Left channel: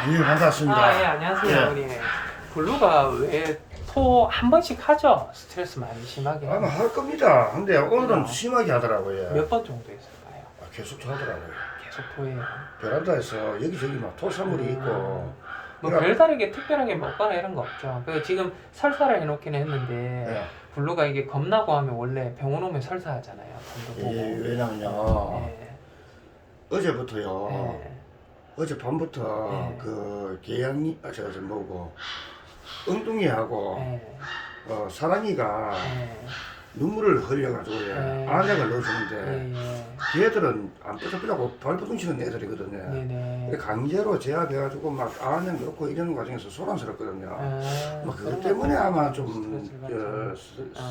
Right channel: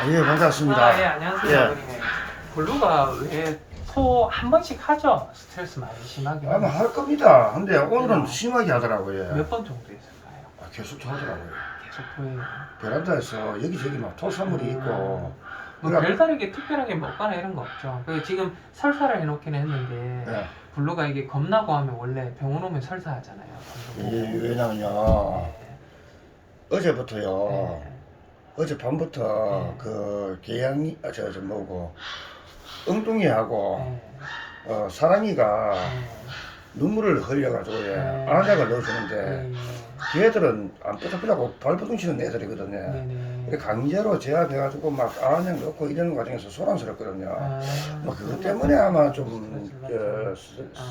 아, 예, 반갑습니다. 아, 예, 안녕하세요. 예. 어머니. 블루가 왜 토 한 번씩 하죠? 스트레스 많이 심하게. 아마 할 겁니다. 근데 오늘은 심하게 하더라고요. 몇 번 정도 했을까요? 아, 계속 토하더라고요. 계속 토해요. 베란다에서 여기저기 막 토사물이 있고. 뭐 그래, 별다르게 특별하게 먹거나 이런 거 없죠. 그래서 지금 설사를 해놓긴 했는데 예. 블루가 이게 겁나고 하면 원래 병원 오면 설사하잖아요. 예, 왜냐면요. 예. 어제부터요. 예. 어젯밤부터 예. 그 계양이, 아, 저, 저 뭐고. 엉뚱이하고 예. 어, 사랑이가 예. 눈물을 흘려가지고 예, 네. 안약을 넣어주는데 예. 걔들은 안 삐딱삐딱하고 발버둥 치는 애들이거든요. 예. 네네. 그래 강제로 제압해가지고 막 안약 넣고 이러는 과정에서 소란스럽거든요. 아, 뭐 그것 때문에 아마 좀 그렇죠. 저,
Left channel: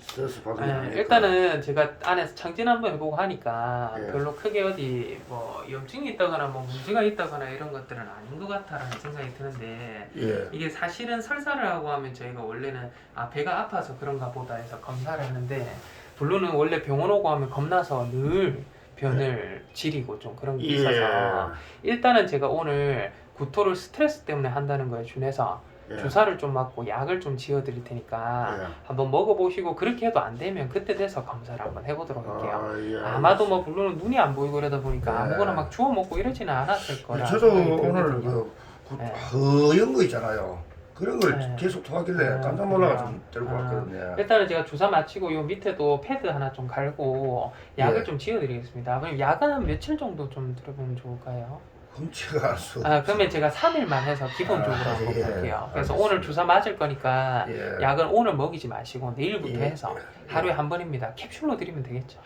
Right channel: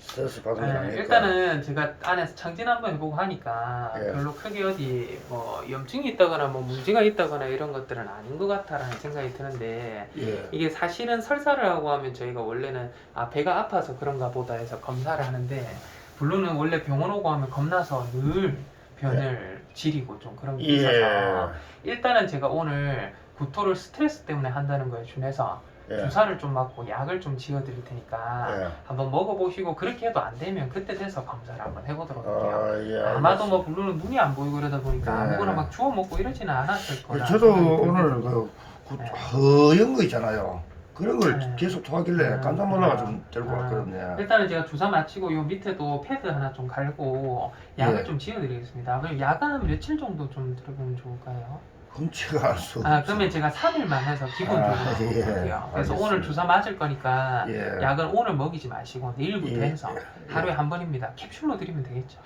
스- 스트레스 받은 게 네, 아닐까. 일단은 제가 안에서 청진 한번 해보고 하니까 예. 별로 크게 어디 뭐 염증이 있다거나 뭐 문제가 있다거나 이런 것들은 아닌 것 같다라는 생각이 드는데 예. 이게 사실은 설사를 하고 하면 저희가 원래는 아 배가 아파서 그런가 보다 해서 검사를 하는데 블루는 원래 병원 오고 하면 겁나서 늘 변을 지리고 좀 그런 게 예. 있어서 일단은 제가 오늘 구토를 스트레스 때문에 한다는 거에 준해서 예. 주사를 좀 맞고 약을 좀 지어드릴 테니까 예. 한번 먹어보시고 그렇게 해도 안 되면 그때 돼서 검사를 한번 해보도록 할게요. 아, 예. 아마도 뭐 블루는 눈이 안 보이고 그러다 보니까 네. 아무거나 막 주워 먹고 이러지는 않았을 거라. 저도 오늘 들거든요. 그 구- 네. 허연 거 있잖아요. 그런 걸 네. 계속 토하길래 아, 깜짝 놀라가 그래요? 좀 들고 아. 왔거든요. 일단은 제가 주사 마치고 요 밑에도 패드 하나 좀 갈고 약을 네. 좀 지어드리겠습니다. 그럼 약은 한 며칠 정도 좀 들어보면 좋을까요? 흠치가 알수 아, 그러면 제가 3일만 해서 기본적으로 아, 예. 볼게요. 그래서 알겠습니다. 오늘 주사 맞을 거니까 예. 약은 오늘 먹이지 마시고 내일부터 예. 해서 하루에 한 번입니다. 캡슐로 드리면 되겠죠.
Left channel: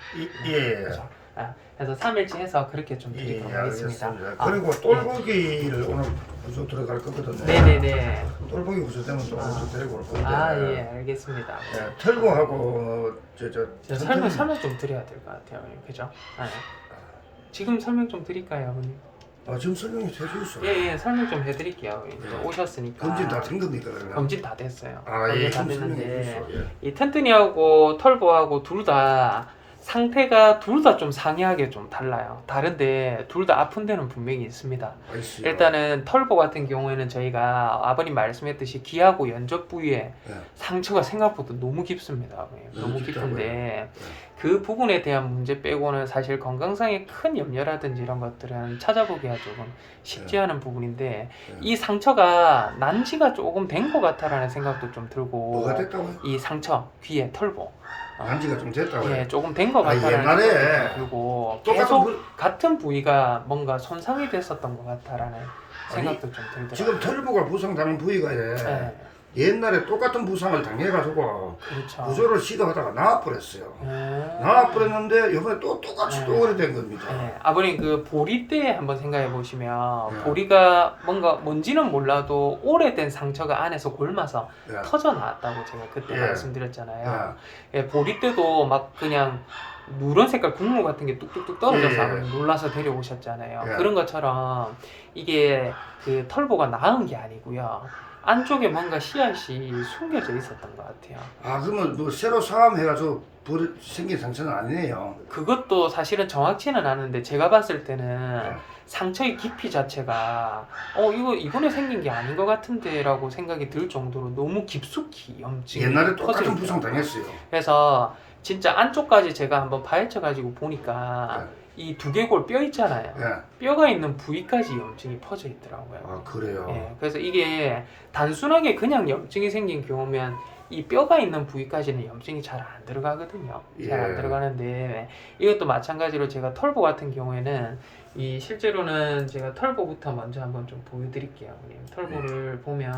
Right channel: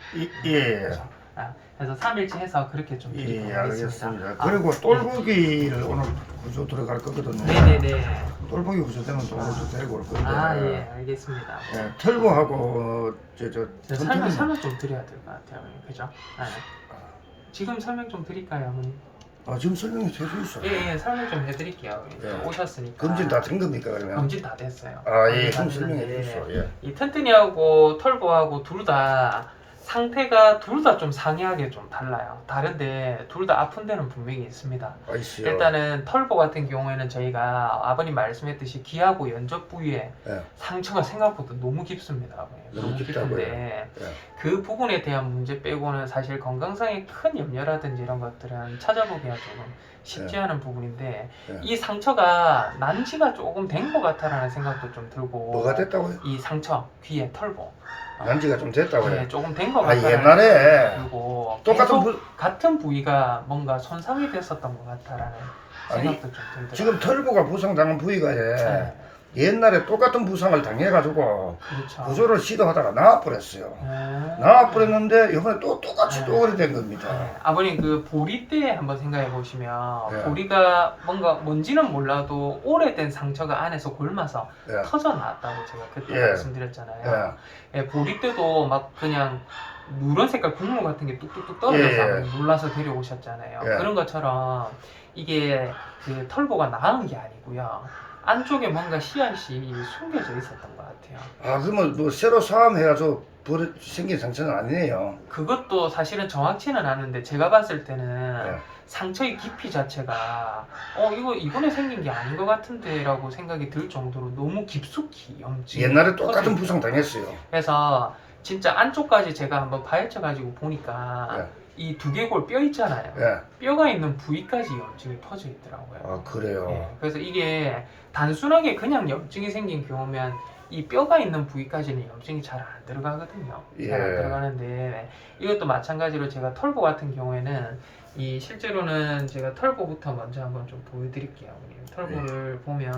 예. 예. 그렇죠. 아, 그래서 3일치 해서 그렇게 좀 예, 드리도록 하겠습니다. 알겠습니다. 그리고 똘보기를 오늘 구조 들어갈 거거든요. 네네네. 똘보기 구조 되면 또 오늘 좀 데리고 올 건데. 아, 예, 알겠습니다. 예, 털보하고 저, 저, 저 설명, 설명 좀 드려야 될 것 같아요. 그죠? 네. 지금 설명 좀 드릴까요, 어머니? 아, 지금 설명이 돼서 있어요. 예, 예, 설명 좀 해드릴게요. 이제 예. 오셨으니까. 검진 다 된 겁니까, 그러면? 검진 다 됐어요. 아, 예, 검진 다 그럼 설명해 됐는데 주십시오. 예. 이 튼튼이하고 털보하고 둘 다 상태가 둘 다 좀 상이하게 좀 달라요. 다른데 둘 다 아픈 데는 분명히 있습니다. 아이씨요. 일단은 털보 같은 경우에는 저희가 아버님 말씀했듯이 귀하고 연접 부위에 예. 상처가 생각보다 너무 깊습니다. 아버님. 너무 깊다고요? 깊은데 예. 그 부분에 대한 문제 빼고는 사실 건강상의 큰 염려라든지 이런 것들은 찾아보기가 조금 쉽지 예. 않은 부분인데 예. 이 상처가 난지가 조금 된 것 같다라는 생각도 좀 들고 뭐가 됐다고요? 이 상처 귀에 털보 난지가 좀 됐다고요? 예, 조금 된 것 아, 같아요. 옛날에 그리고 똑같은 계속 부, 같은 부위가 뭔가 손상이 됐었던 것 같다라는 아니, 생각도 좀 들더라고요. 지금 털보가 부상당한 부위가 예. 네, 옛날에 똑같은 부상을 당해가지고 그렇죠. 구조를 시도하다가 나와버렸어요. 음. 나와버렸는데 이번에 또 똑같이 네. 또 그래 된 겁니다. 네, 아버님 그 보리 때 한번 생각해 보시면 네. 보리가 뭔가 뭔지는 몰라도 오래된 상처가 안에서 골마서 예. 터져 나왔다고 제가 그때 예. 말씀드렸잖아요. 예, 보리 때도 막 그냥 누런 색깔 국물 같은 게 뚝뚝뚝 떨어져서 예, 예. 놀라서 데려오셨잖아요. 예. 그런 것처럼 이게 그 털보가 나은 게 아니고요. 안쪽에 뭔가 씨앗이 숨겨져 있었던 것 같아요. 아 그러면 뭐 새로 싸움해가지고 버리, 생긴 상처는 아니네요. 그것도 사실은 정확치는 않은데 제가 봤을 때는 예. 상처의 깊이 자체가 어 이거 이번에 생긴 게 아닌 것 같은데라고 생각이 들 정도로 너무 깊숙이 염증이 옛날에 똑같은. 부상 당했어요. 그래서 진짜 안쪽까지 제가 한번 파헤쳐 가지고 보니까 이 두개골 뼈 있잖아요 예. 뼈가 있는 부위까지 염증이 퍼져 있더라고요 아 그래요. 예, 그래서 이게 단순하게 그냥 염증이 생긴 경우면 이 뼈가 있는 부위까지는 염증이 잘 안 들어가거든요. 잘안 예. 들어가는데 이것도 마찬가지로 제가 털보 같은 경우에는 이 실제로는 제가 털보부터 먼저 한번 좀 보여드릴게요. 털보를 보면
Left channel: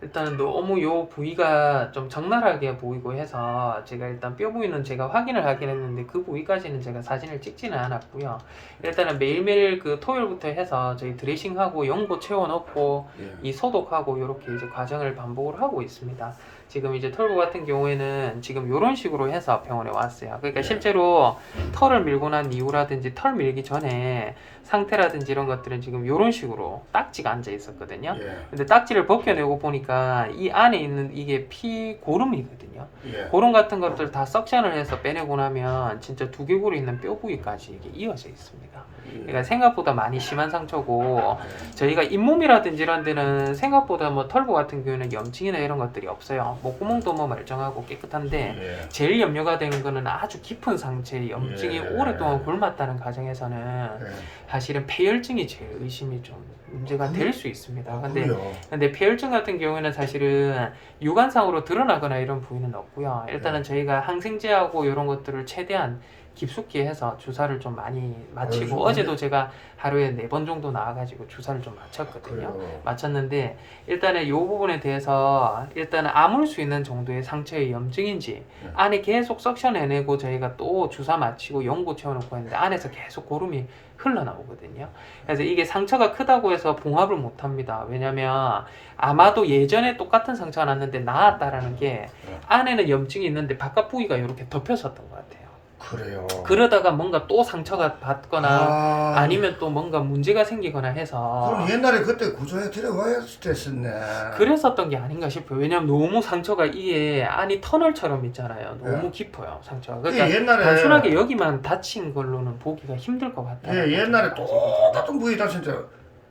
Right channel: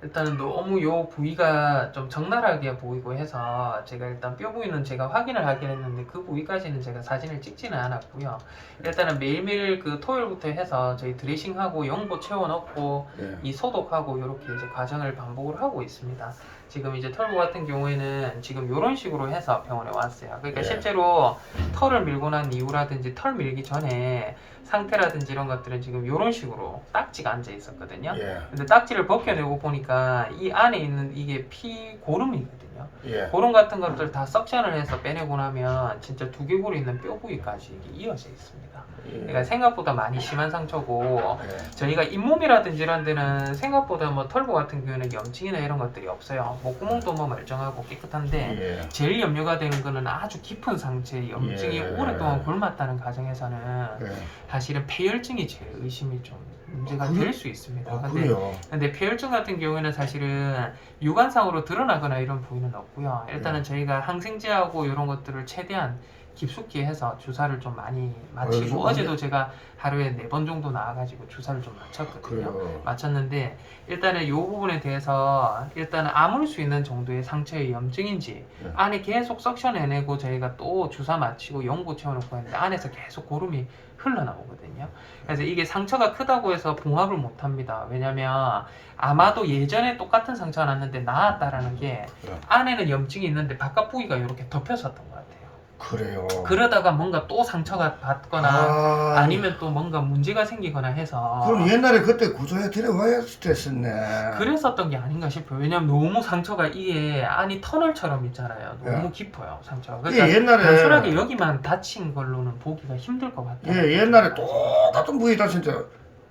일단 너무 요 부위가 좀 적나라하게 보이고 해서 제가 일단 뼈 부위는 제가 확인을 하긴 했는데 그 부위까지는 제가 사진을 찍지는 않았고요. 일단은 매일매일 그 토요일부터 해서 저희 드레싱하고 연고 채워 넣고 예. 이 소독하고 이렇게 이제 과정을 반복을 하고 있습니다. 지금 이제 털보 같은 경우에는 지금 이런 식으로 해서 병원에 왔어요. 그러니까 예. 실제로 털을 밀고 난 이후라든지 털 밀기 전에 상태라든지 이런 것들은 지금 이런 식으로 딱지가 앉아 있었거든요. 예. 근데 딱지를 벗겨내고 보니까 이 안에 있는 이게 피 고름이거든요. 예. 고름 같은 것들 다 석션을 해서 빼내고 나면 진짜 두개골이 있는 뼈 부위까지 이게 이어져 있습니다. 그러니까 생각보다 많이 심한 상처고 예. 저희가 잇몸이라든지 이런 데는 생각보다 뭐 털보 같은 경우에는 염증이나 이런 것들이 없어요. 목구멍도 뭐 멀쩡하고 깨끗한데 예. 제일 염려가 되는 거는 아주 깊은 상처에 염증이 예. 오랫동안 골맞다는 가정에서는 예. 사실은 폐혈증이 제일 의심이 좀 문제가 그래? 될수 있습니다. 아, 근데 그래요. 근데 폐혈증 같은 경우에는 사실은 유관상으로 드러나거나 이런 부위는 없고요. 일단은 네. 저희가 항생제하고 이런 것들을 최대한 깊숙이 해서 주사를 좀 많이 맞히고 아, 어제도 제가 하루에 네 번 정도 나와가지고 주사를 좀 맞췄거든요. 그래요. 맞췄는데 일단은 이 부분에 대해서 일단은 아물 수 있는 정도의 상처의 염증인지 네. 안에 계속 석션해내고 저희가 또 주사 맞히고 연고 채워놓고 했는데 안에서 계속 고름이 흘러나오거든요. 그래서 이게 상처가 크다고 해서 봉합을 못합니다. 왜냐면 아마도 예전에 똑같은 상처가 났는데 나았다라는 게 네. 안에는 염증이 있는데 바깥 부위가 이렇게 덮였었던 것 같아요. 그래요. 그러다가 뭔가 또 상처가 받거나 아, 아니면 또 뭔가 문제가 생기거나 해서 그럼 옛날에 그때 구조해 데려와야 됐었네. 그랬었던 게 아닌가 싶어요. 왜냐면 너무 상처가 이게 안이 터널처럼 있잖아요. 너무 예. 깊어요, 상처가. 예, 그러니까 옛날에 단순하게 여기만 다친 걸로는 보기가 힘들 것 같아요. 예, 옛날에 똑같은 부위 다친데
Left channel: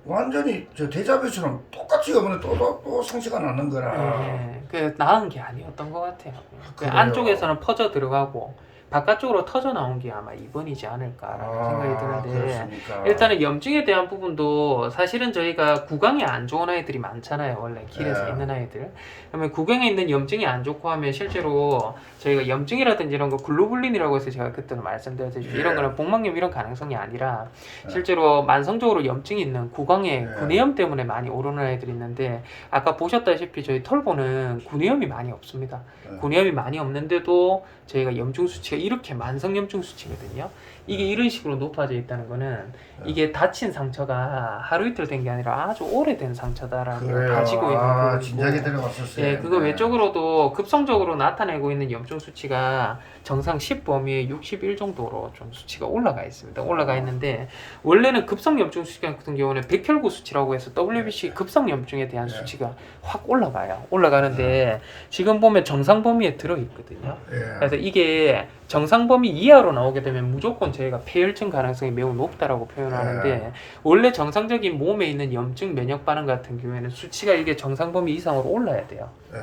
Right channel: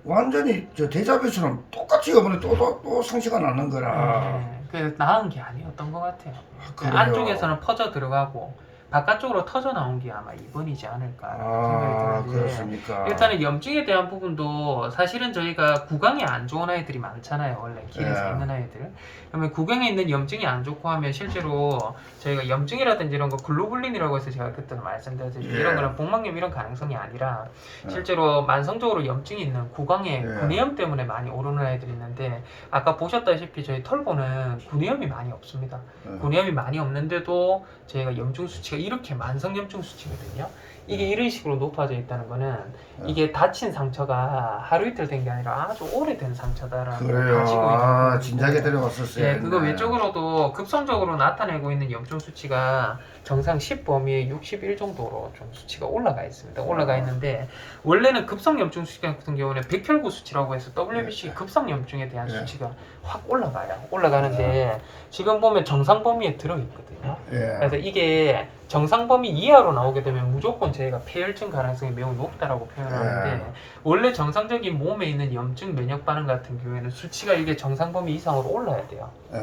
완전히 저 대자뷰처럼 똑같이 이번에 또, 또, 또 상처가 났는 거라. 예, 그 나은 게 아니었던 것 같아요. 그 그래요? 안쪽에서는 퍼져 들어가고 바깥쪽으로 터져 나온 게 아마 이번이지 않을까 아, 생각이 드는데 그렇습니까? 일단은 염증에 대한 부분도 사실은 저희가 구강이 안 좋은 아이들이 많잖아요. 원래 길에서 예. 있는 아이들. 그러면 구강에 있는 염증이 안 좋고 하면 실제로 저희가 염증이라든지 이런 거 글로불린이라고 해서 제가 그때 말씀드렸듯이 예. 이런 거는 복막염 이런 가능성이 아니라 예. 실제로 만성적으로 염증이 있는 구강에 예. 구내염 때문에 많이 오르는 아이들이 있는데 아까 보셨다시피 저희 털보는 구내염이 많이 없습니다. 예. 구내염이 많이 없는데도 저희가 염증 수치가 이렇게 만성 염증 수치거든요. 이게 네. 이런 식으로 높아져 있다는 거는 네. 이게 다친 상처가 하루 이틀 된 게 아니라 아주 오래된 상처다라는 걸 그래요. 가지고 있는 아, 부분이고. 진작에 데려갔었어요. 예, 그거 네. 외적으로도 급성적으로 나타내고 있는 염증 수치가 정상 10 범위에 61 정도로 좀 수치가 올라가 있습니다. 올라가 아. 있는데 원래는 급성 염증 수치 같은 경우는 백혈구 수치라고 해서 WBC 네. 급성 염증에 대한 네. 수치가 확 올라가요. 올라가는데 지금 보면 정상 범위에 들어 있거든요. 예. 그래서 이게 정상 범위 이하로 나오게 되면 무조건 저희가 폐혈증 가능성이 매우 높다라고 표현하는데 네. 원래 정상적인 몸에 있는 염증 면역 반응 같은 경우에는 수치가 이게 정상 범위 이상으로 올라야 돼요. 예.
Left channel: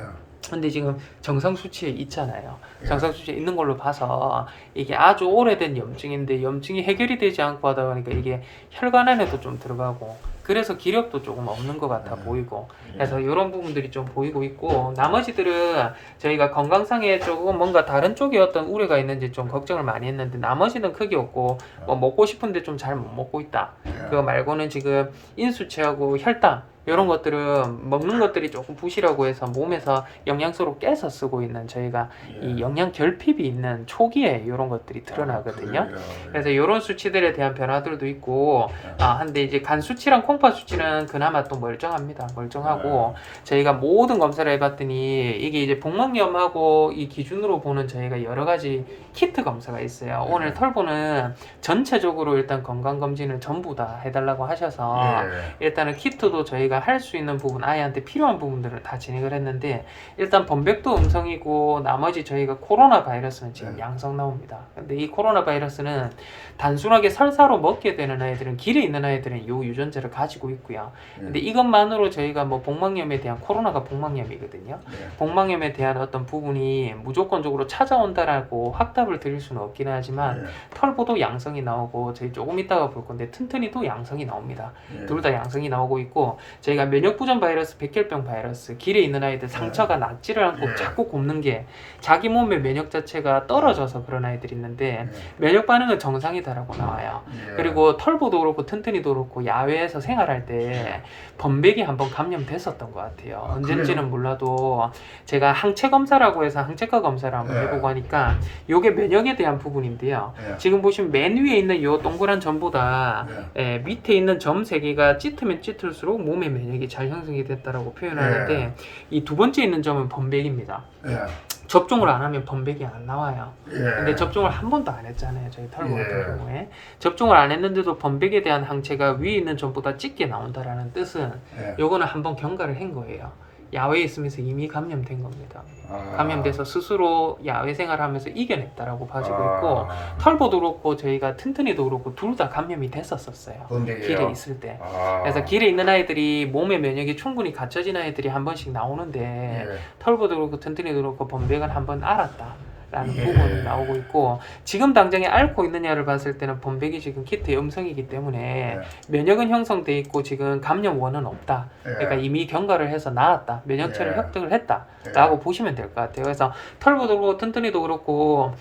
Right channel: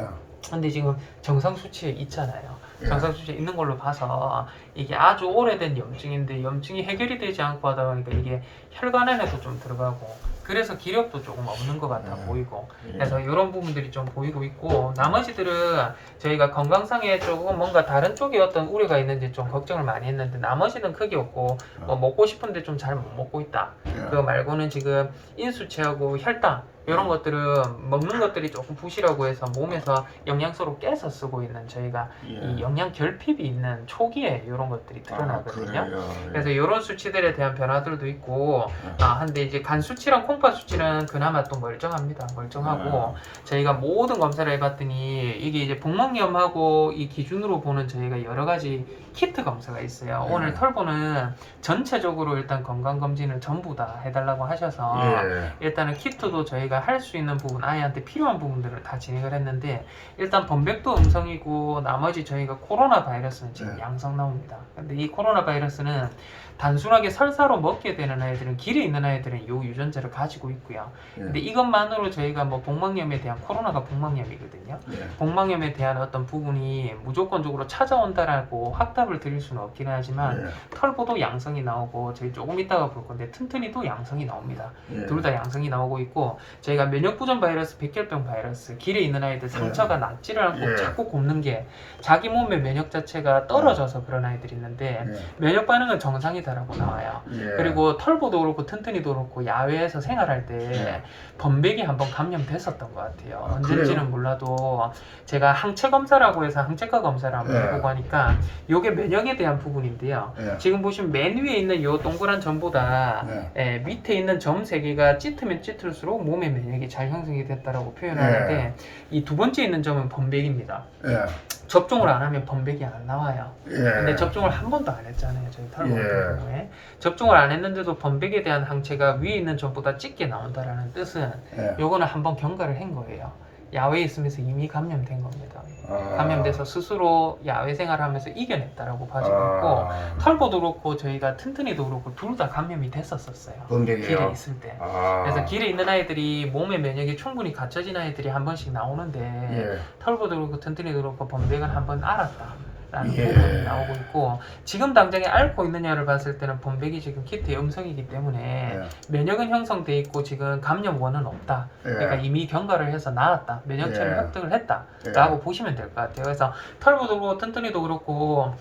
근데 지금 정상 수치에 있잖아요. 예. 정상 수치에 있는 걸로 봐서 이게 아주 오래된 염증인데 염증이 해결이 되지 않고 하다 보니까 이게 혈관 안에도 좀 들어가고 그래서 기력도 조금 없는 것 같아 네. 보이고 예. 그래서 이런 부분들이 좀 보이고 있고 나머지들은 저희가 건강상에 조금 뭔가 다른 쪽에 어떤 우려가 있는지 좀 걱정을 많이 했는데 나머지는 크게 없고 뭐 먹고 싶은데 좀 잘 못 먹고 있다. 예. 그 말고는 지금 인수치하고 혈당 이런 것들은 먹는 것들이 조금 부실하고 해서 몸에서 영양소로 깨서 쓰고 있는 저희가 예. 이 영양 결핍이 있는 초기에 이런 것들이 아, 드러나거든요. 그래요. 그래서 이런 수치들에 대한 변화들도 있고 네. 아 한데 이제 간 수치랑 콩팥 수치는 그나마 또 멀쩡합니다. 멀쩡하고 저희가 모든 검사를 해봤더니 이게 이제 복막염하고 이 기준으로 보는 저희가 여러 가지 키트 검사가 있어요. 네. 오늘 털보는 전체적으로 일단 건강 검진을 전부 다 해달라고 하셔서 예. 일단은 키트도 저희가 할 수 있는 부분 아이한테 필요한 부분들을 다 진행을 했는데 일단 범백도 음성이고 나머지 저희가 코로나 바이러스는 지금 네. 양성 나옵니다. 근데 이 코로나 바이러스는 단순하게 설사로 먹게 되는 아이들은 길에 있는 아이들은 요 유전자를 가지고 있고요. 예. 근데 이것만으로 저희가 뭐 복막염에 대한 코로나가 복막염이거든요. 예. 복막염에 대한 어떤 부분이 무조건적으로 찾아온다라고 확답을 드릴 수는 없긴 하지만 예. 털보도 양성이 나오고 저희 조금 이따가 볼 건데 튼튼이도 양성이 나옵니다. 예. 둘다 양성이 나오고 있고 저희가 면역부전 바이러스, 백혈병 바이러스 길에 있는 아이들 상처가 낫지를 않고 예. 자꾸 곱는 게 자기 몸의 면역 자체가 떨어져서 그런 아이들이 있는데 예. 면역 반응은 정상이다라고 나와요. 예. 그리고 털보도 그렇고 튼튼이도 그렇고 야외에서 생활할 때 네. 범백이 한번 감염됐었던 것 같아요. 아, 언제인지는 그래요? 몰라도 제가 항체 검사라고 해서 항체과 검사를 한번 네. 해보고 하니까 이게 면역에 대한 부분인데요. 예. 지금 보시면 맨 위에 있는 요 동그란 점보다 네. 예, 밑에 있는 점 세 개가 짙으면 짙을수록 몸의 면역이 잘 형성이 됐다라고 표현하는데 네. 이두 번째 있는 점은 범백입니다. 예. 접종을 안 하면 범백이 안 나와요. 예. 근데 접종을 한 번도 안 했잖아요. 저희 예. 같은 경우에 접종을 안 했는데도 범백에 대한 항체가 위에 있는 점보다 짙게 나온다라는 뜻은 예. 요거는 한번 경과를 한 거예요. 야외에 있으면서 이미 감염된 겁니다. 아. 감염돼서 스스로 야외 생활하면서 이겨냈다라고 봐지고 있고 아. 털보도 그렇고 저희가 튼튼이도 그렇고 둘 다 감염이 됐었었어요. 번데기요. 길에 있을 때. 아. 그래서 길에 있는 아이들이 몸의 면역이 충분히 갖춰진 아이들이 한 번씩 나오는데 예. 털보도 그렇고 튼튼이도 그렇고 번백은 한 번 알았다. 라는 예. 부분이 나오고 있고 지금 당장에 앓고 있느냐를 봤을 때는 번백이 지금 키트 영성이기 때문에 예. 면역은 형성돼 있고 지금 감염원은 없다. 예. 그러니까 이미 경과를 해서 나았다. 면역체를 예. 획득을 했다. 예. 라고 보시면 될 것 같아요. 그래서 털보도 그렇고 튼튼이도 그렇고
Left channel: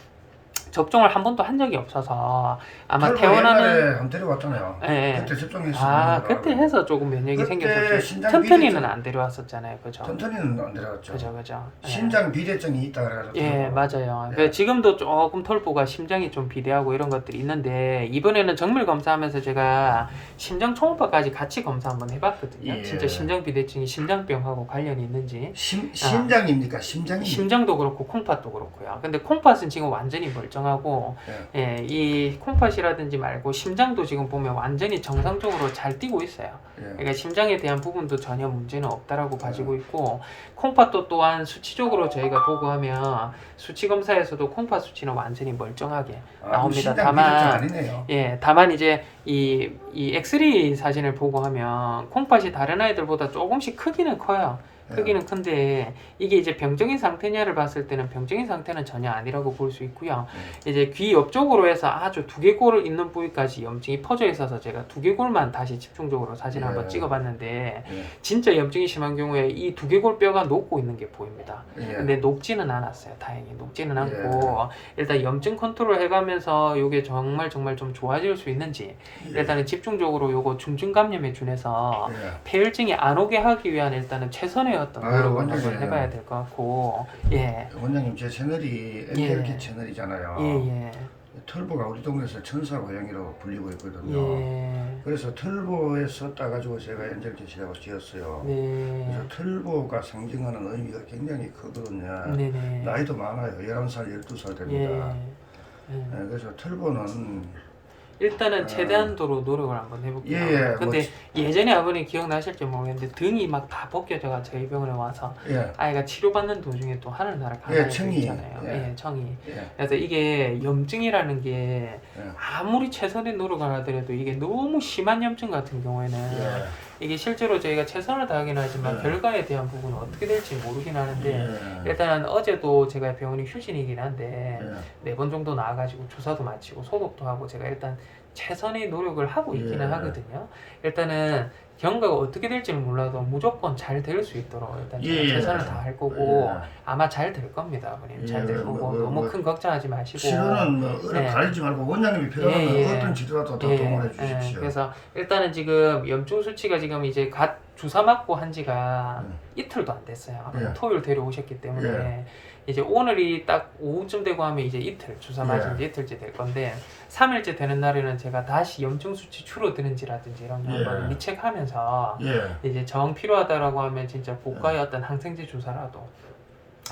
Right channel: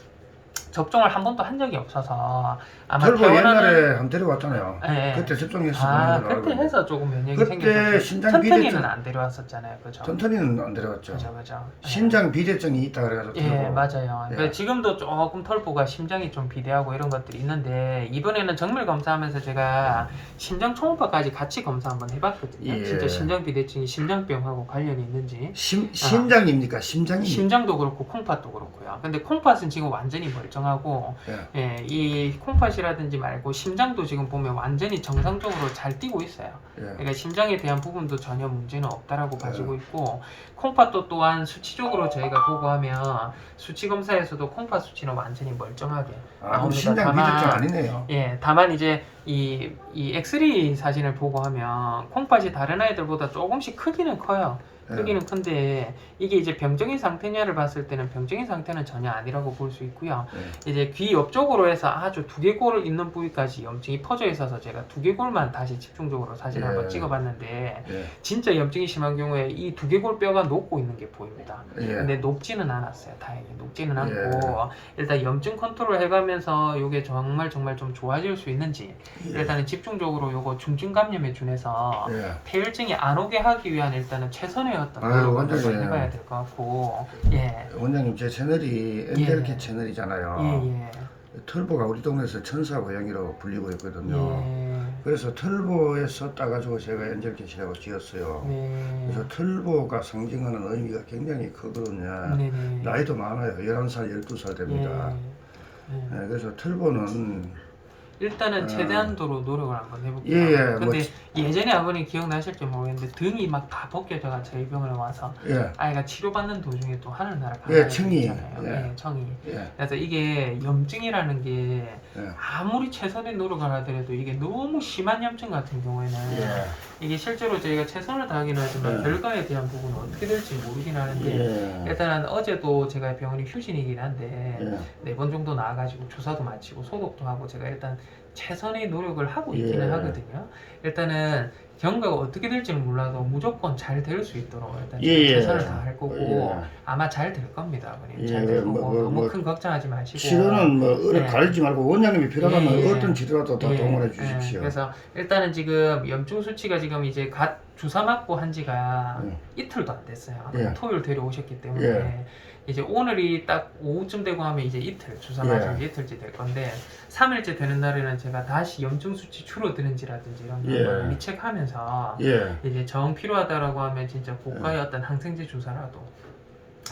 접종을 한 번도 한 적이 없어서 아마 털보 태어나는 옛날에 한 데려왔잖아요. 예, 예. 그때 접종했어. 아 그때. 해서 조금 면역이 그때 생겼죠. 신장 튼튼이는 비대증- 안 데려왔었잖아요, 그죠? 튼튼이는 안 데려왔죠. 그죠, 그죠. 예. 신장 비대증이 있다 그래가지고. 예, 털보. 맞아요. 예. 그러니까 지금도 조금 털보가 심장이 좀 비대하고 이런 것들이 있는데 이번에는 정밀 검사하면서 제가 심장 초음파까지 같이 검사 한번 해봤거든요. 예. 진짜 심장 비대증이 심장병하고 관련이 있는지 심, 심장입니까? 심장입니까? 심장도 그렇고 콩팥도 그렇고요. 근데 콩팥은 지금 완전히 멀쩡하고 예. 예, 이 콩팥이 라든지 말고 심장도 지금 보면 완전히 정상적으로 잘 뛰고 있어요. 예. 그러니까 심장에 대한 부분도 전혀 문제는 없다라고 네. 봐지고 있고 콩팥도 또한 수치적으로 저희가 보고하면 수치 검사에서도 콩팥 수치는 완전히 멀쩡하게 나옵니다. 신장 다만- 아니네요. 예, 다만 이제 이, 이 엑스레이 사진을 보고 하면 콩팥이 다른 아이들보다 조금씩 크기는 커요. 예. 크기는 큰데 이게 이제 병적인 상태냐를 봤을 때는 병적인 상태는 전혀 아니라고 볼 수 있고요. 예. 이제 귀 옆쪽으로 해서 아주 두개골 있는 부위까지 염증이 퍼져 있어서 제가 두개골만 다시 집중적으로 사진 을 예. 한번 찍어봤는데 예. 진짜 염증이 심한 경우에 이 두개골 뼈가 녹고 있는 게 보입니다. 예. 근데 녹지는 않았어요. 다행히 녹지는 않고 예. 일단 염증 컨트롤 해가면서 이게 정말 정말 좀 좋아질 수 있는지 예. 일단은 집중적으로 요거 중증 감염에 준해서 예. 폐혈증이 안 오게 하기 위한 일단은 최선의 어떤 노력을 한번 해봐야 될 것 같고 예. 원장님 제 채널이 예. 채널이잖아요. 예, 예. 털보가 우리 동네에서 천사 고양이로 불리고 있거든요. 예. 그래서 털보에 썼다 가지고 제가 채널을 지었어요. 네. 그래서 털보가 상징하는 의미가 굉장히 크거든요. 네 네. 나이도 많아요. 11살, 12살 됩니다. 예. 예. 예, 그래서 털보는 일단은 아. 최대한 도로 노력을 한번 해볼게요. 예, 예, 뭐 근데 예전에 아버님 기억나실지 모르겠는데 등이 막 다 벗겨져가 저희 병원에 와서 예, 아이가 치료받는 도중에 또 하늘나라 예, 가는 청이. 있잖아요. 예. 예, 청이. 예, 그래서 이게 염증이라는 게 예. 아무리 최선의 노력을 하더라도 이게 너무 심한 염증 같은 경우에는 예, 이게 실제로 저희가 최선을 다하긴 하지만 예. 결과에 대한 부분은 어떻게 될지 모르긴 하는데 예, 일단은 어제도 제가 병원이 휴진이긴 한데 예. 네번 정도 나와가지고 주사도 마치고 소독도 하고 제가 일단 최선의 노력을 하고 있기는 예. 하거든요. 일단은 경과가 어떻게 될지는 몰라도 무조건 잘 될 수 있도록 일단 예, 예. 최선을 다할 거고 예. 아마 잘 될 겁니다. 예, 잘될 뭐, 거고 뭐, 너무 뭐, 큰 걱정하지 마시고 치료는 뭐 어려 네. 가리지 말고 원장님이 필요하면 예, 예. 어떤 치료라도 다 예, 동원해 예. 주십시오. 그래서 일단은 지금 염증 수치가 지금 이제 갓 주사 맞고 한 지가 이틀도 안 됐어요. 예. 토요일 데려오셨기 때문에 예. 이제 오늘이 딱 오후쯤 되고 하면 이제 이틀 주사 예. 맞은 지 이틀째 될 건데 3일째 되는 날에는 제가 다시 염증 수치 줄어드는지라든지 이런 예. 걸 리체크하면서 예, 이제 정 필요하다라고 하면 진짜 고가의 어떤 항생제 주사라도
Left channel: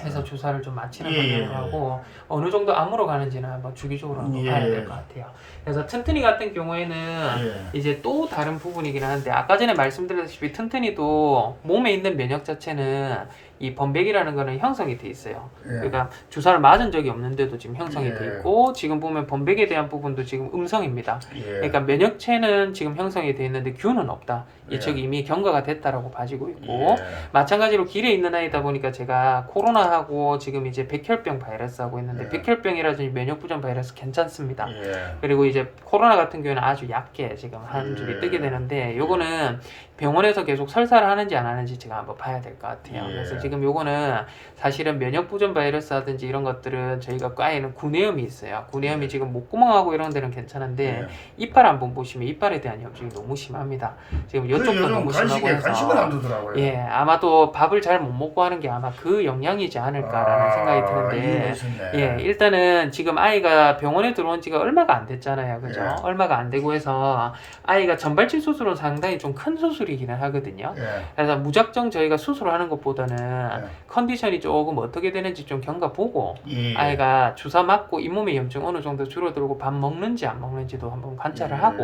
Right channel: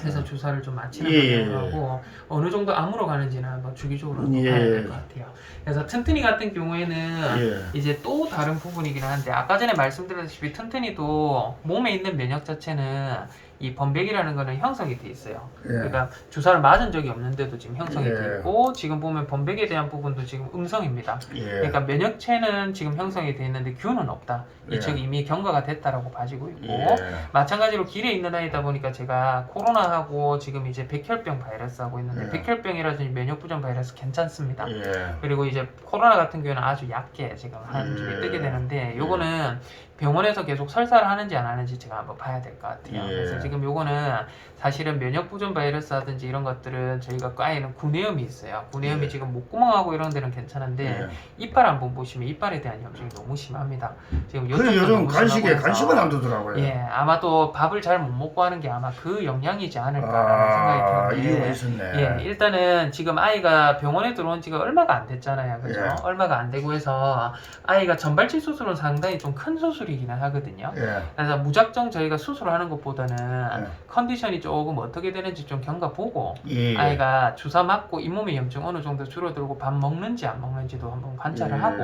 해서 예. 주사를 좀 마치는 예, 예, 방법을 하고 어느 정도 암으로 가는지는 한번 주기적으로 예. 봐야 될 것 같아요. 그래서 튼튼이 같은 경우에는 예, 이제 또 다른 부분이긴 한데 아까 전에 말씀드렸다시피 튼튼이도 몸에 있는 면역 자체는 이 번백이라는 거는 형성이 돼 있어요. 예. 그러니까 주사를 맞은 적이 없는데도 지금 형성이 예. 돼 있고 지금 보면 번백에 대한 부분도 지금 음성입니다. 예. 그러니까 면역체는 지금 형성이 돼 있는데 균은 없다. 예. 이쪽이 이미 경과가 됐다라고 봐지고 있고 예. 마찬가지로 길에 있는 아이다 보니까 제가 코로나하고 지금 이제 백혈병 바이러스 하고 있는데 예. 백혈병이라든지 면역부전 바이러스 괜찮습니다. 예. 그리고 이제 코로나 같은 경우는 아주 얕게 지금 한 예. 줄이 뜨게 되는데 요거는 병원에서 계속 설사를 하는지 안 하는지 제가 한번 봐야 될 것 같아요. 예. 그래서 지금 요거는 사실은 면역부전 바이러스라든지 이런 것들은 저희가 과에는 구내염이 있어요. 구내염이 예. 지금 목구멍하고 이런 데는 괜찮은데 예. 이빨 한번 보시면 이빨에 대한 염증이 너무 심합니다. 지금 그 요즘 간식에 간식을 안 두더라고요. 예, 아마도 밥을 잘 못 먹고 하는 게 아마 그 영향이지 않을까라는 생각이 아, 드는데 이유가 있었네. 예, 일단은 지금 아이가 병원에 들어온 지가 얼마가 안 됐잖아요. 그죠? 예. 얼마가 안 되고 해서 아이가 전발치 수술은 상당히 좀 큰 수술이 드리기는 하거든요. 예. 그래서 무작정 저희가 수술하는 것보다는 예. 컨디션이 조금 어떻게 되는지 좀 경과 보고 예. 아이가 주사 맞고 잇몸의 염증 어느 정도 줄어들고 밥 먹는지 안 먹는지도 한번 관찰을 예. 하고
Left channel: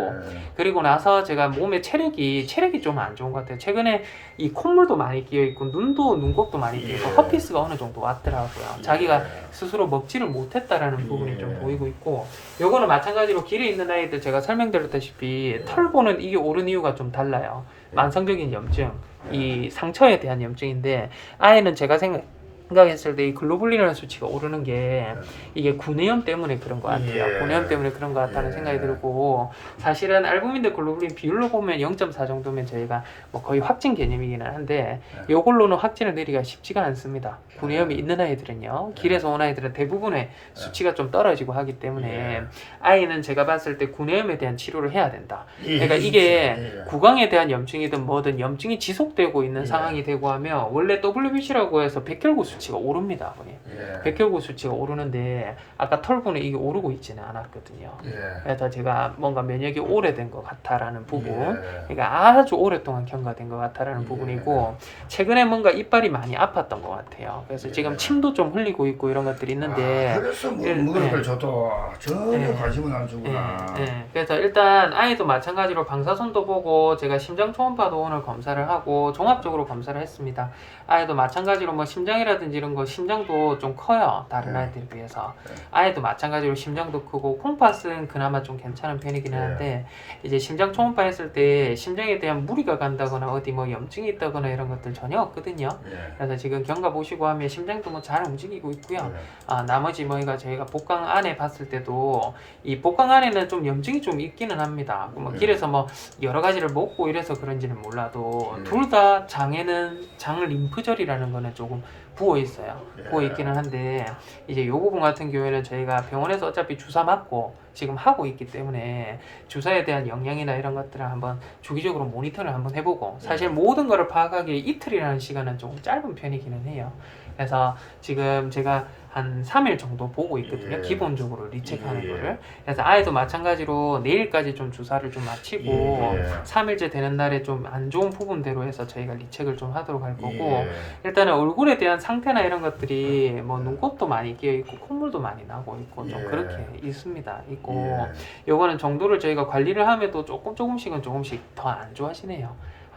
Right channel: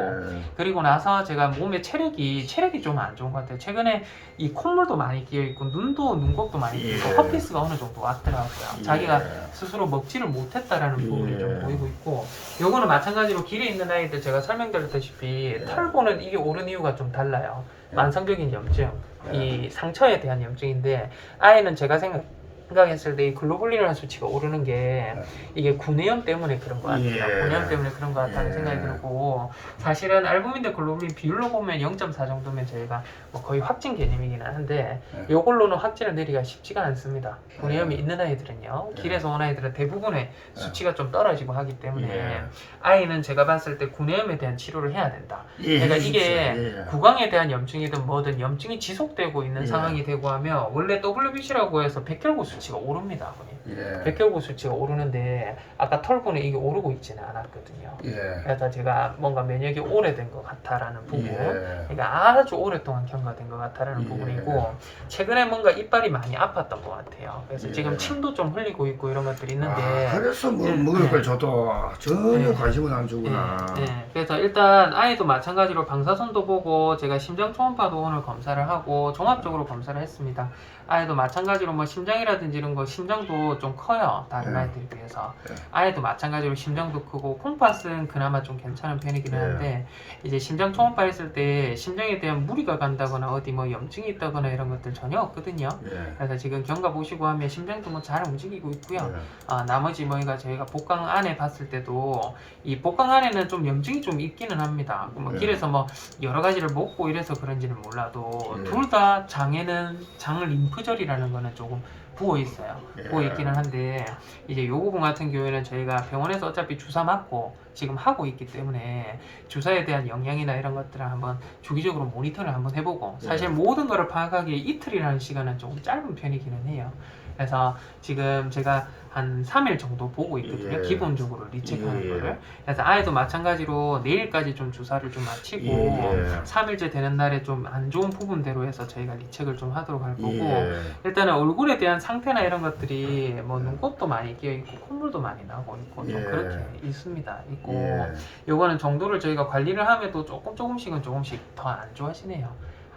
그리고 나서 제가 몸에 체력이 체력이 좀 안 좋은 것 같아요. 최근에 이 콧물도 많이 끼어 있고 눈도 눈곱도 많이 끼어 있고 예. 허피스가 어느 정도 왔더라고요. 자기가 예. 스스로 먹지를 못했다라는 부분이 예. 좀 보이고 있고 요거는 마찬가지로 길에 있는 아이들 제가 설명드렸다시피 예. 털보는 이게 오른 이유가 좀 달라요. 예. 만성적인 염증, 예. 이 상처에 대한 염증인데 아이는 제가 생각 생각했을 때 이 글로불린이라는 수치가 오르는 게 이게 구내염 때문에 그런 것 같아요. 예. 구내염 때문에 그런 것 같다는 예. 생각이 들고 사실은 알부민 대 글로불린 비율로 보면 0.4 정도면 저희가 뭐 거의 확진 개념이기는 한데 예. 요걸로는 확진을 내리기가 쉽지가 않습니다. 구내염이 예. 있는 아이들은요. 예. 길에서 온 아이들은 대부분의 수치가 좀 떨어지고 하기 때문에 예. 아이는 제가 봤을 때 구내염에 대한 치료를 해야 된다. 예. 그러니까. 이게 예. 구강에 대한 염증이든 뭐든 염증이 지속되고 있는 예. 상황이 되고 하면 원래 WBC라고 해서 백혈구 수치 가 오릅니다. 예. 백혈구 수치가 오르는데 아까 털보는 이게 오르고 있지는 않았거든요. 예. 그래서 제가 뭔가 면역이 오래된 것 같다라는 부분 예. 그러니까 아주 오랫동안 경과된 것 같다라는 예. 부분이고 최근에 뭔가 이빨이 많이 아팠던 것 같아요. 그래서 예. 지금 침도 좀 흘리고 있고 이런 것들이 있는데 아, 그래서 뭐 예, 먹을 예. 걸 줘도 전혀 예. 관심을 안 주구나. 예, 예. 그래서 일단 아이도 마찬가지로 방사선도 보고 제가 심장 초음파도 오늘 검사를 하고 종합적으로 검사를 했습니다. 아이도 마찬가지로 뭐 심장이라든지 이런 거 심장도 좀 커요 다른 예. 아이들에 비해서 예. 아이도 마찬가지로 심장도 크고 콩팥은 그나마 좀 괜찮은 편이긴 예. 한데 이제 심장 초음파 했을 때 심장에 대한 무리가 간다거나 어디 뭐 염증이 있다거나 이런 것들 전혀 없거든요. 예. 그래서 지금 경과 보시고 하면 심장도 뭐 잘 움직이고 있고요. 예. 아, 나머지 뭐가 저희가 복강 안에 봤을 때도 이 복강 안에는 좀 염증이 좀 있기는 합니다. 뭐 네. 길에서 뭐 여러 가지를 먹고 이래서 그런지는 몰라도 네. 둘다 장에는 장 림프절이라는 거는 조금 부어 있어요. 예. 부어 있기는 한데 이제 요 부분 같은 경우에는 저희가 병원에서 어차피 주사 맞고 지금 하고 있기 때문에 주사에 대한 영향이나 이런 것들을 한번 주기적으로 모니터를 한번 해보고 사실 네. 모든 거를 파악하기에 이틀이라는 시간은 조금 짧은 편이기는 해요. 그래서 지금 제가 한 3일 정도 보고 있거든요. 예. 기본적으로 리체크하는 예. 거를. 그래서 아이도 마찬가지로 내일까지 좀 주사를 좀 마치고 예. 3일째 되는 날에 좀 안 좋은 부분대로 해서 저희가 리체크를 좀 하도록 할 거고 예. 일단은 얼굴에 대한 상태나 이런 것들이 뭐 눈곱도 많이 끼어 있고 콧물도 많이 나고 있고 좀 예. 그렇게 있습니다. 있고 예. 요거는 정도를 저희가 관리를 하면도 조금 조금씩은 조금씩 더 안 좋아지네요.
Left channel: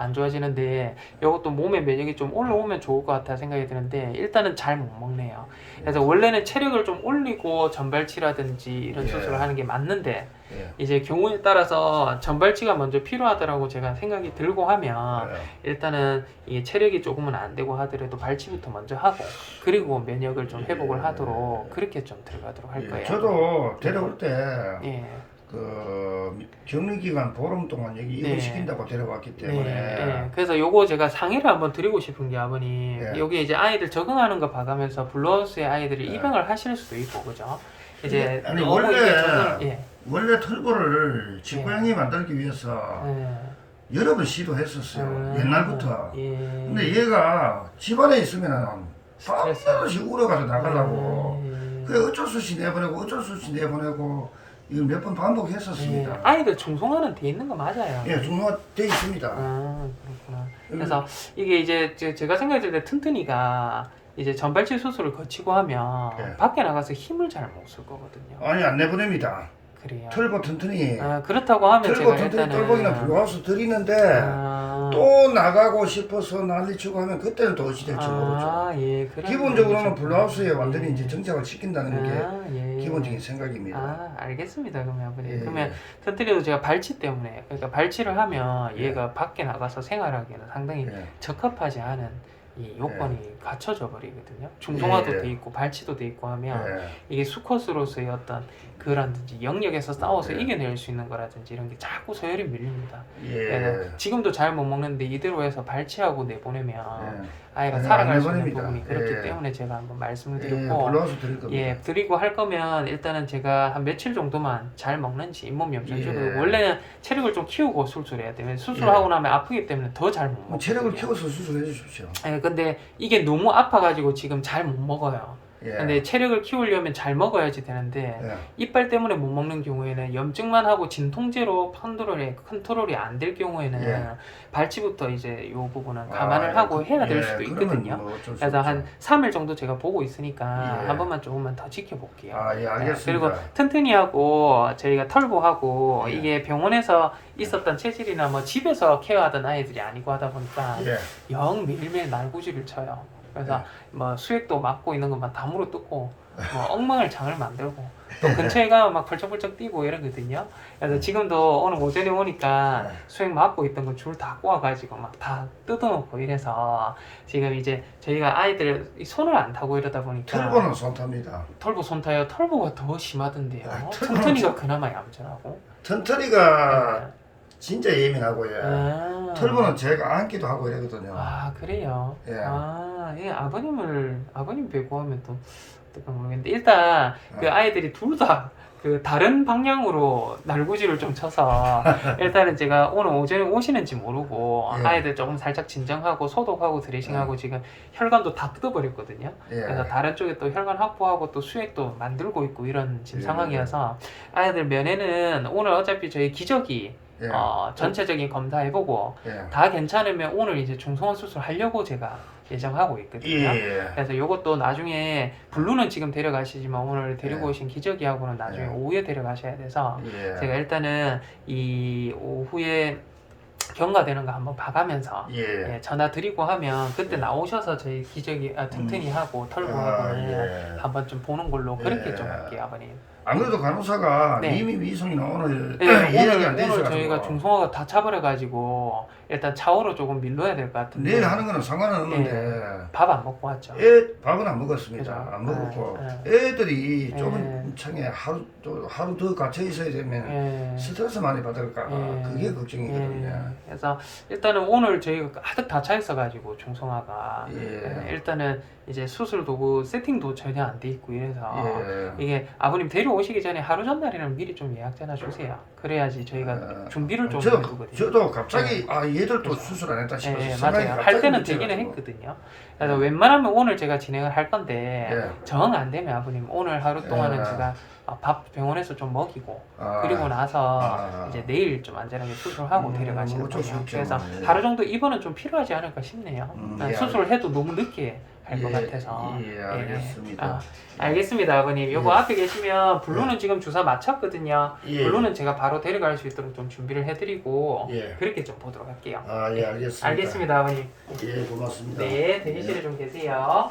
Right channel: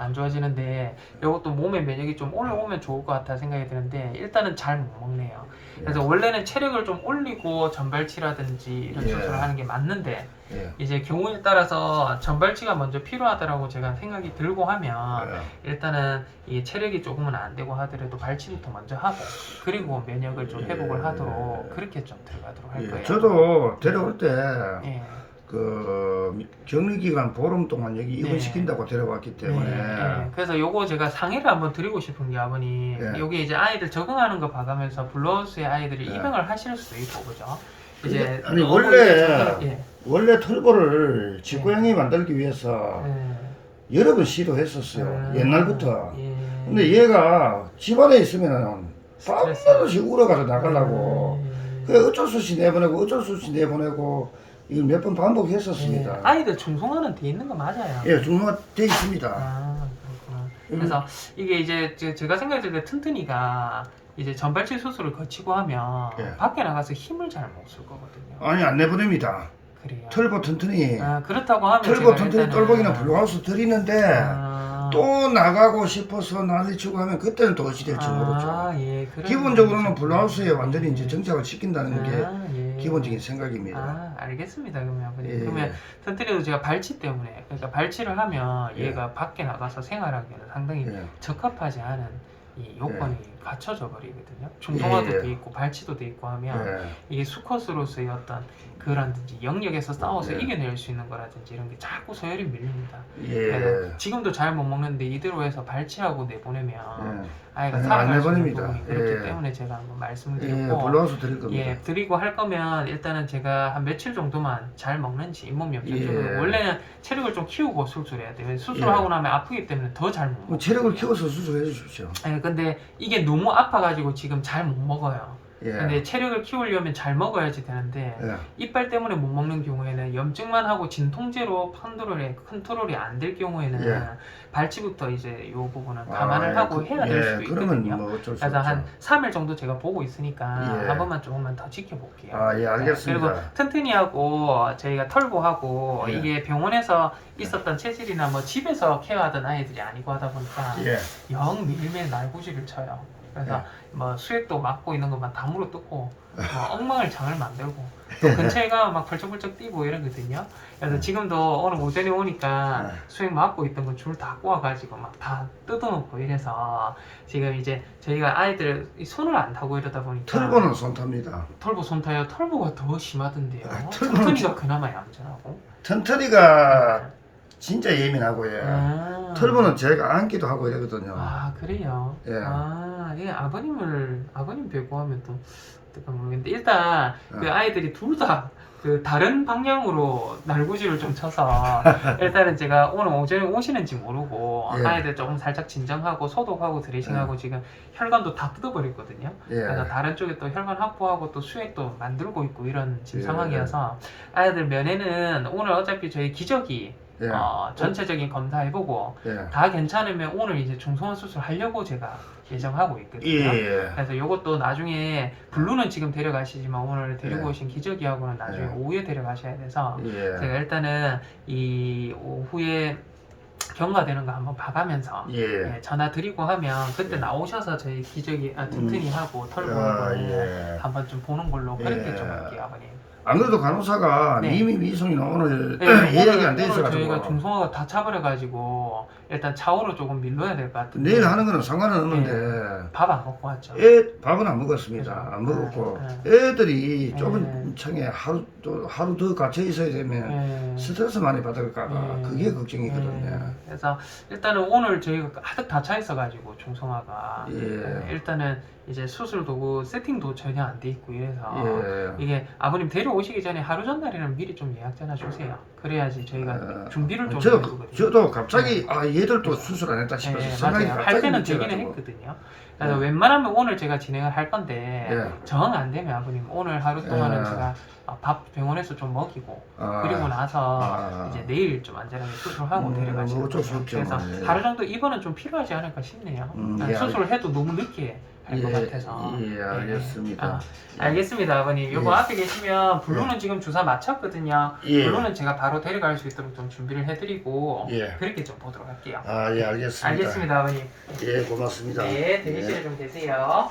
안 좋아지는데 이것도 몸의 면역이 좀 올라오면 좋을 것 같아 생각이 드는데 일단은 잘 못 먹네요. 그래서 원래는 체력을 좀 올리고 전발치라든지 이런 예. 수술을 하는 게 맞는데 예. 이제 경우에 따라서 전발치가 먼저 필요하다라고 제가 생각이 들고 하면 예. 일단은 이게 체력이 조금은 안 되고 하더라도 발치부터 먼저 하고 그리고 면역을 좀 회복을 예. 하도록 그렇게 좀 들어가도록 할 예. 거예요. 저도 데려올 때 예. 그 격리기간 보름 동안 여기 네. 입원시킨다고 데려왔기 때문에 네, 네. 그래서 요거 제가 상의를 한번 드리고 싶은 게 아버님 예. 여기 이제 아이들 적응하는 거 봐가면서 블러스의 아이들이 예. 입양을 하실 수도 있고 그죠? 근데- 아니, 원래- 예. 원래 털보를 집고양이 만들기 위해서 예. 여러 번 시도했었어요 음, 옛날부터 예. 근데 얘가 집안에 있으면은. 밤낮없이 울어가서 나가려고 음, 그래 어쩔 수 없이 내보내고 어쩔 수 없이 내보내고 이걸 몇 번 반복했었습니다 예. 아이들 중성화는 돼 있는 거 맞아요. 예 중요가 돼 있습니다 음, 그렇구나. 그래서 이게 이제 제- 제가 생각할 때 튼튼이가 이제 전발치 수술을 거치고 하면 예. 밖에 나가서 힘을 잘 못 쓸 거거든요. 아니 안 내보냅니다 그래요. 털보 튼튼이 아, 그렇다고 하면 털보 제가 일단은- 똘보기나 블루하우스 드리는데 아, 또 나가고 싶어서 난리치고 하면 그때는 또 어찌 될지 모르죠 아, 예, 그런 기본적으로는 거죠. 블루하우스에 완전히 이제 정착을 시킨다는 게 아, 예. 기본적인 생각입니다 아, 알겠습니다. 그러면 예. 그러면 튼튼이도 제가 발치 때문에 그러니까 발치를 하면 예. 얘가 밖에 나가서 생활하기에는 상당히 예. 적합하지 않은 이 요건이 갖춰져 버리거든요. 중성화도 예. 돼 있고 발치도 돼 있고 하면 예. 이게 수컷으로서의 어떤 그라든지 영역에서 싸워서 네. 이겨낼 수 있는 거라든지 이런 게 자꾸 서열이 밀립니다. 예. 지금도 잘 못 먹는데 이대로 해서 발치하고 내보내면 예. 아이가 아니, 살아갈 안수 있는 내보냅니다. 부분이 그렇기 예. 때문에 제가 한번 말씀을 예, 드렸고 블루하우스 드릴 겁니다 예, 드리고 할 거면 일단은 제가 한 며칠 정도만 잘 먹는지 잇몸 염증 예. 좀 원래는 체력을 좀 키우고 수술해야 돼요. 수술하고 나면 아프기 때문에 더잘못뭐 먹어요. 체력을 키워서 수술해 주십시오 예, 근데 이게 너무 아파가지고 지금 잘 못 먹어요. 예. 근데 체력을 키우려면 잘 먹어야지 되는데 예. 이빨 때문에 못 먹는 경우에는 염증만 하고 진통제로 컨트롤이 컨트롤이 안 될 경우에는 예. 발치부터 이제 요 부분은 감안을 아, 하고 그- 해야 될 예, 수도 있거든요. 뭐 그래서 없죠. 한 3일 정도 제가 보고 있으니까 예. 한 번만 조금만 더 지켜볼게요. 아, 예, 알겠습니다. 그리고 튼튼이하고 저희가 털보하고 예. 이게 병원에서 있었던 체질이나 뭐 집에서 케어하던 아이들이 아니고 하다 보니까 예. 영 매일매일 날구지를 쳐요. 그래서 예. 뭐 수액도 맞고 있는 것만 다 물어뜯고 뭐 엉망을 장을 만들고 또 근처에가 막 벌쩍벌쩍 뛰고 이러거든요. 그래서 지금도 오늘 오전에 오니까 예. 수액 맞고 있던 거 줄 다 꼬아가지고 막 다 뜯어놓고 이래서 지금 이제 저희가 아이들 이 손을 안 타고 이러다 보니까 털보는 손 탑니다. 털보 손 타요. 털보가 더 심하던데요. 아, 털보는 튼튼이가 좀- 그나마 얌전하고. 턴터리가 진짜 예민하고요. 아. 털보는 제가 안기도 하고 이러거든요. 아 그래요. 예. 아, 이 아버님을 아버님 뵙고 하면 또 어떨까 모르겠는데 일단 그 예. 아이들이 둘 다 그 다른 방향으로 날구지를 좀 쳐서 일단은 제가 오늘 오전에 오시는지 모르고 예. 아이들 조금 살짝 진정하고 소독하고 드레싱하고 지금 혈관도 다 뜯어버렸거든요. 그래서 예. 다른 쪽에 또 혈관 확보하고 또 수액도 만들고 있고 이런 지금 예. 상황이어서 아이들 면에는 오늘 어차피 저희 기저귀 예. 어, 전체적인 검사해보고 예. 다 괜찮으면 오늘 이제 중성화 수술 하려고 제가 예정하고 있거든요. 예. 그래서 이것도 나중에 블루는 지금 데려가시지만 오늘 데리고 예. 오신 기저귀하고는 나중에 예. 오후에 데려가셔야 돼서 예. 제가 일단은 이 오후에 경과되는 거 한번 봐가면서 예. 예, 전화 드리고 하면 그때 예. 나오셔서 저희 기저귀 아, 튼튼이 하고 털고 아, 예. 한번 좀 보는 걸로 그렇게 예. 좀 할게요, 아버님. 안 그래도 간호사가 네. 미미 미송이는 오늘 네, 예약이 안돼 오늘 저희가 있어가지고 중성화가 다 차버려가지고 일단 차오로 조금 밀러야 될 것 같은데 내일 하는 거는 상관은 없는데 밥 안 먹고 왔죠. 애 밥은 안 먹었습니다. 그죠. 안 먹었고 네, 애들이 네. 좁은 청에 하루 또 하루 더 갇혀 있어야 되면 예. 스트레스 많이 받을까봐 예. 그게 걱정이거든요. 예. 그래서 일단은 오늘 저희가 가득 다 차 있어가지고 중성화가 예. 예, 일단은 이제 수술 도구 세팅도 전혀 안 돼 있고 이래서 예. 이게 아버님 데려오시기 전에 하루 전날에는 미리 좀 예약 전화 주세요. 그래야지 저희가 어, 준비를 좀 저, 해두거든요. 저도 갑자기 아 얘들 또 수술 안 했다 싶어서 예, 생각이 맞아요. 갑자기 할 때는 되기는. 했거든요. 그래서 예. 웬만하면 오늘 제가 진행을 할 건데 예. 정 안 되면 아버님 오늘 하루 동안은 예. 제가 아, 밥 병원에서 좀 먹이고 아, 그리고 나서 아. 이제 내일 좀 안전하게 수술하고 음, 데려가시는 뭐 어쩔 수 거예요. 없죠. 그래서 예. 하루 정도 입원은 좀 필요하지 않을까 싶네요. 음, 난 예, 수술해도 너무 늦게 할것 예, 같아서. 예, 알겠습니다. 아, 알겠습니다, 아버님. 요거 예. 앞에 계시면 블루는 지금 주사 맞췄거든요. 예. 블루는 제가 바로 데려갈 수 있도록 좀 준비를 해드리고 예. 그렇게 좀 보도록 할게요. 아, 예, 알겠습니다. 알겠습니다, 아버님. 예, 고맙습니다. 네, 대기실에 좀 계세요.